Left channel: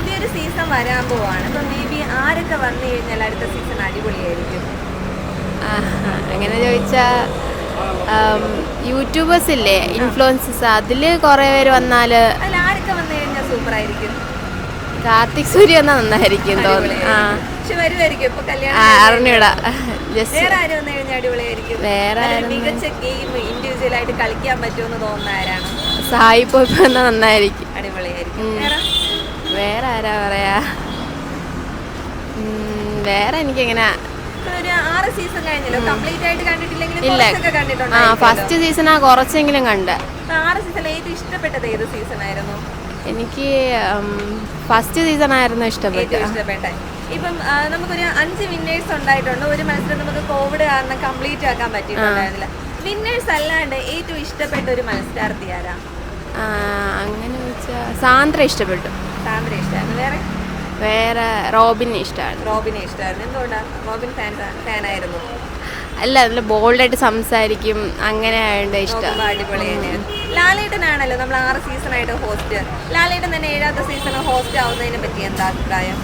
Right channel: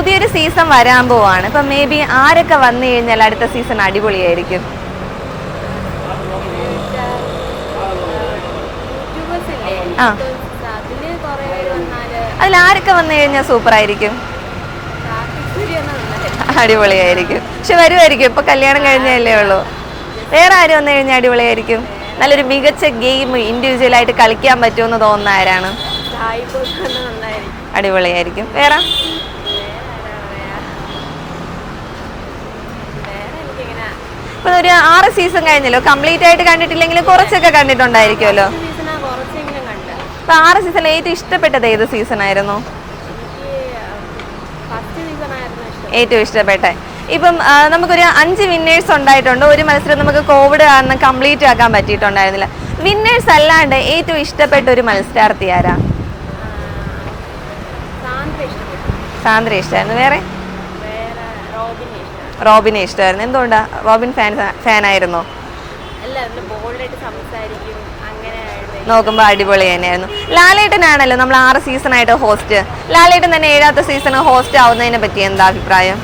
പുതിയൊരു സീസൺ വരാൻ പോവാണ്. ഇപ്പൊ മേ ബി ആരൊക്കെ വന്നു കഴിഞ്ഞാൽ അടുത്ത സീസൺ അടിപൊളിയായിരിക്കും? അങ്ങനെ ചോദിച്ചാ യൂട്യൂബേഴ്സ് ഇല്ലേ, ഇൻഫ്ലുവൻസേഴ്സ്, അതില് കുറെ പേര് വന്നാല് അതിൽ ആരൊക്കെ വന്നു കഴിഞ്ഞാൽ സൂപ്പർ ആയിരിക്കും? കാർത്തിക് സൂര്യ നന്നായിരിക്കും, അടിപൊളിയായിരിക്കും. പക്ഷെ വരുമായിരിക്കും, ഇപ്പൊ കല്യാണം കഴിഞ്ഞല്ലേ ഉള്ളൂ. വേറെ ആര് വന്നു കഴിഞ്ഞാൽ അടിപൊളിയായിരിക്കും? നല്ലൊരു മികച്ച ഗെയിം ഇൻഡിവിജ്വൽ ആയിട്ട് കളിക്കാൻ പറ്റുമെന്ന് തോന്നുന്ന ആരാണ്? സായി പോപ്പ് നന്നായിരിക്കും, അടിപൊളിയായിരിക്കും. വേറെ വേറെ ആരാ പറയാ? വേറെ എനിക്കിങ്ങനെ ഇപ്പൊ ഒരു 6 സീസൺ കഴിഞ്ഞല്ലോ, കംപ്ലീറ്റ് ആയിട്ട് കണ്ടിട്ടില്ലെങ്കിലും കുറച്ചൊക്കെ കണ്ടിട്ടുണ്ടായിരിക്കുമല്ലോ. ഫസ്റ്റ് സീസണാ കുറച്ചെങ്കിലും കണ്ട്. അപ്പൊ 6 സീസണിൽ ഏറ്റവും ഇഷ്ടപ്പെട്ടത് ഏത് സീസൺ ആയിരുന്നു? എനിക്ക് ഫസ്റ്റ് സീസൺ ആയിരുന്നു ഏറ്റവും ഇഷ്ടപ്പെട്ടെ. ഇപ്പം നമുക്കൊരു 5 വിന്നേഴ്സ് ഉണ്ടായിട്ടുണ്ട്. ഒരു മത്സരം നമുക്ക് കോവിഡ് കാരണം കംപ്ലീറ്റ് ആക്കാൻ പറ്റിയിട്ടുണ്ടായിരുന്നില്ല. വിന്നേഴ്സ് അല്ലാണ്ട് ഏറ്റവും ഇഷ്ടപ്പെട്ട ഒരു മത്സരാർത്ഥി ആരാ? സാന്ദ്ര ഇഷ്ടപ്പെട്ടു. സാന്ദ്ര ഇഷ്ടമായിരുന്നു. വേറെ റോബിനെ ഇഷ്ടമാണ്. റോബിനെ ഇഷ്ടമായിരുന്നു. എന്തുകൊണ്ടാ? റോബിൻ ഫാനായിരുന്നോ? അല്ല, നല്ല ബോൾഡായിട്ട് സംസാരിക്കും, അങ്ങനെ നോക്കുമ്പോ അടിപൊളി തന്നെയായിരുന്നു. ലാലേട്ടനാണല്ലോ നമ്മൾ 6 സീസൺ ആയിട്ട് ഹോസ്റ്റ്. ലാലേട്ടൻ തന്നെ 7ാമത്തെ സീസൺ ഹോസ്റ്റ് ആവുന്നതിനെ പറ്റി എന്താ അഭിപ്രായം?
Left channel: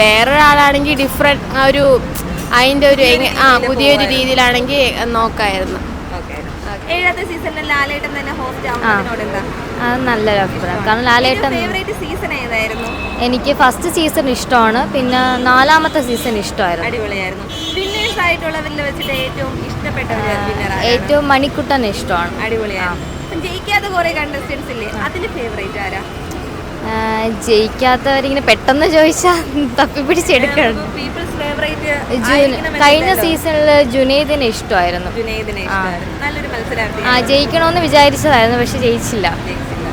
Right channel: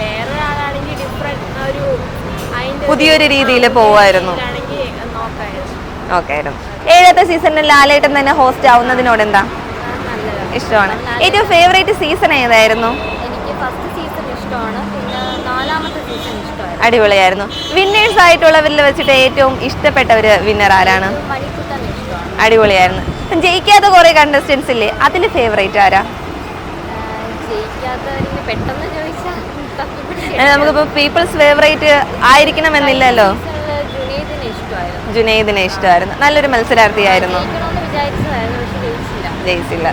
വേറൊരാളാണെങ്കിൽ ഡിഫറെന്റ് ഒരു അതിന്റെ പുതിയൊരു രീതിയിൽ രീതിയിലാണെങ്കിൽ നോക്കായിരുന്നു. 7ാമത്തെ സീസണിൽ ലാലേട്ടൻ തന്നെ ഹോസ്റ്റ് ആവുന്നതിനോട് എന്താ ഇഷ്ടമാണ്? ഏറ്റവും ഫേവറേറ്റ് സീസൺ ഏതായിരുന്നു? എനിക്ക് ഫസ്റ്റ് സീസൺ ഇഷ്ടമാണ്, പിന്നെ 4ാമത്തെ സീസൺ ഇഷ്ടമായിരുന്നു. അടിപൊളിയായിരുന്നു. വിന്നേഴ്സ് ആയിട്ടുള്ളവരിൽ വെച്ചിട്ട് ഏറ്റവും ഇഷ്ടപ്പെട്ട ഒരു വിന്നർ ആരാണ്? ഏറ്റവും മണിക്കുട്ടൻ ഇഷ്ടമാണ്. അടിപൊളിയായിരുന്നു. ജയിക്കാത്ത കുറെ കണ്ടസ്റ്റൻസ് ഇല്ലേ, അതിൽ ഫേവറേറ്റ് ആരാ? ജയിക്കാത്തവരിങ്ങനെ പെട്ടെന്ന് ചോദിച്ചാൽ തപ്പിപ്പിടിച്ചെടുക്കും. People's favourite ആയിരിക്കണമെന്നില്ലല്ലോ. സീസണില് ജുനൈദിനെ ഇഷ്ടമായിരുന്നു. നല്ലൊരു മത്സരാർത്ഥിയായിരുന്നു. ജയിക്കണമെന്ന് വിചാരിച്ചതായിരുന്നു, പക്ഷെ ജയിച്ചില്ല.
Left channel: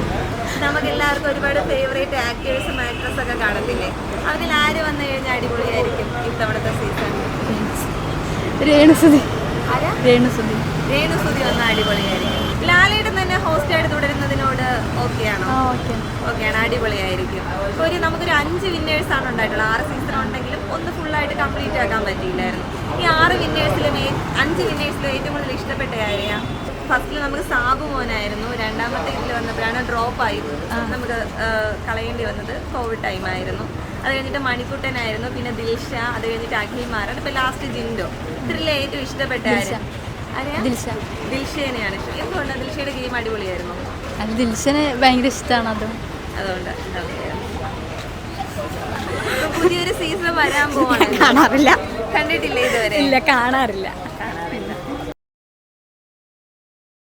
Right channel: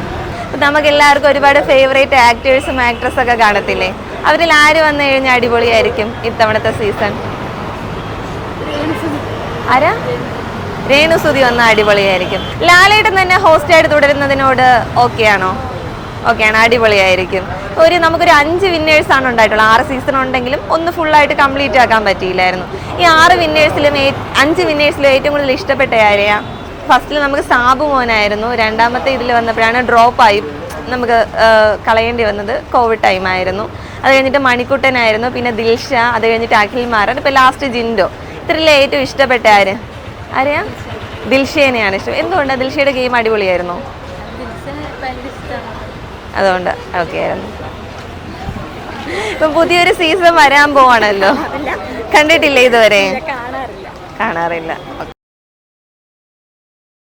നമുക്ക് എല്ലാവർക്കും ഒരുപാട് ഫേവറേറ്റ് ആക്ടേഴ്സും ആക്ട്രസ് ഒക്കെ കാണത്തില്ലേ? അവരിൽ ആര് വന്നു കഴിഞ്ഞാൽ അടിപൊളിയായിരിക്കും ഇത്തവണത്തെ സീസൺ? ആരാ? രേണുസുതി വന്ന അടിപൊളിയായിരിക്കും. ലാലേട്ടൻ തന്നെ ഹോസ്റ്റ് ആയിട്ട് തുടരുന്നതിനോട് ഓക്കെയാണോ? ഓക്കെയാണ്, അടിപൊളിയായിരിക്കും. നമുക്കൊരു 5 വിന്നേഴ്സ് ആണ് ഉണ്ടായിട്ടുള്ളത്. 6 സീസൺ ഉണ്ടെങ്കിലും ഒന്ന് ഫുള്ളായിട്ട് കംപ്ലീറ്റ് ആക്കാൻ പറ്റിയില്ലായിരുന്നു. ഈ 6 വിന്നേഴ്സിലും 5 വിന്നേഴ്സിലും ഏറ്റവും കൂടുതൽ ഇഷ്ടപ്പെട്ട ആരെയാ? ഫസ്റ്റിൽ നമുക്ക് സാബു മോനായിരുന്നു. 2ാമത്തെ ഇതിൽ വന്നപ്പോഴാണ് ഡ്രോപ്പായി നമുക്ക് കളയേണ്ടി വന്നത്. കോവിഡ് ടൈം ആയിരുന്നു. അത് കഴിഞ്ഞിട്ട് മണിക്കുട്ടനായിരുന്നു, പിന്നെ ദിൽഷ, അത് കഴിഞ്ഞിട്ട് അഖിൽമാരൻ, ഇപ്പൊ ലാസ്റ്റ് ജിൻഡോ. ഇത്രയിലെ ഏറ്റവും ഇഷ്ടപ്പെട്ട ആരെയാ? ദിൽഷേനെയാണ് ഇഷ്ടം. എന്തുകൊണ്ടാണ്? ദിൽഷയുടെ ഗെയിം അടിപൊളിയായിരുന്നു. ദിൽഷന് ഭയങ്കര ഇഷ്ടമാണ്, അതുകൊണ്ട് ഓക്കെ. ഇപ്പൊ പുതിയൊരു സീസൺ വരാൻ പോവാണല്ലോ, കണ്ടിട്ടില്ലേ ഇതുവരെ? കാണാറില്ല.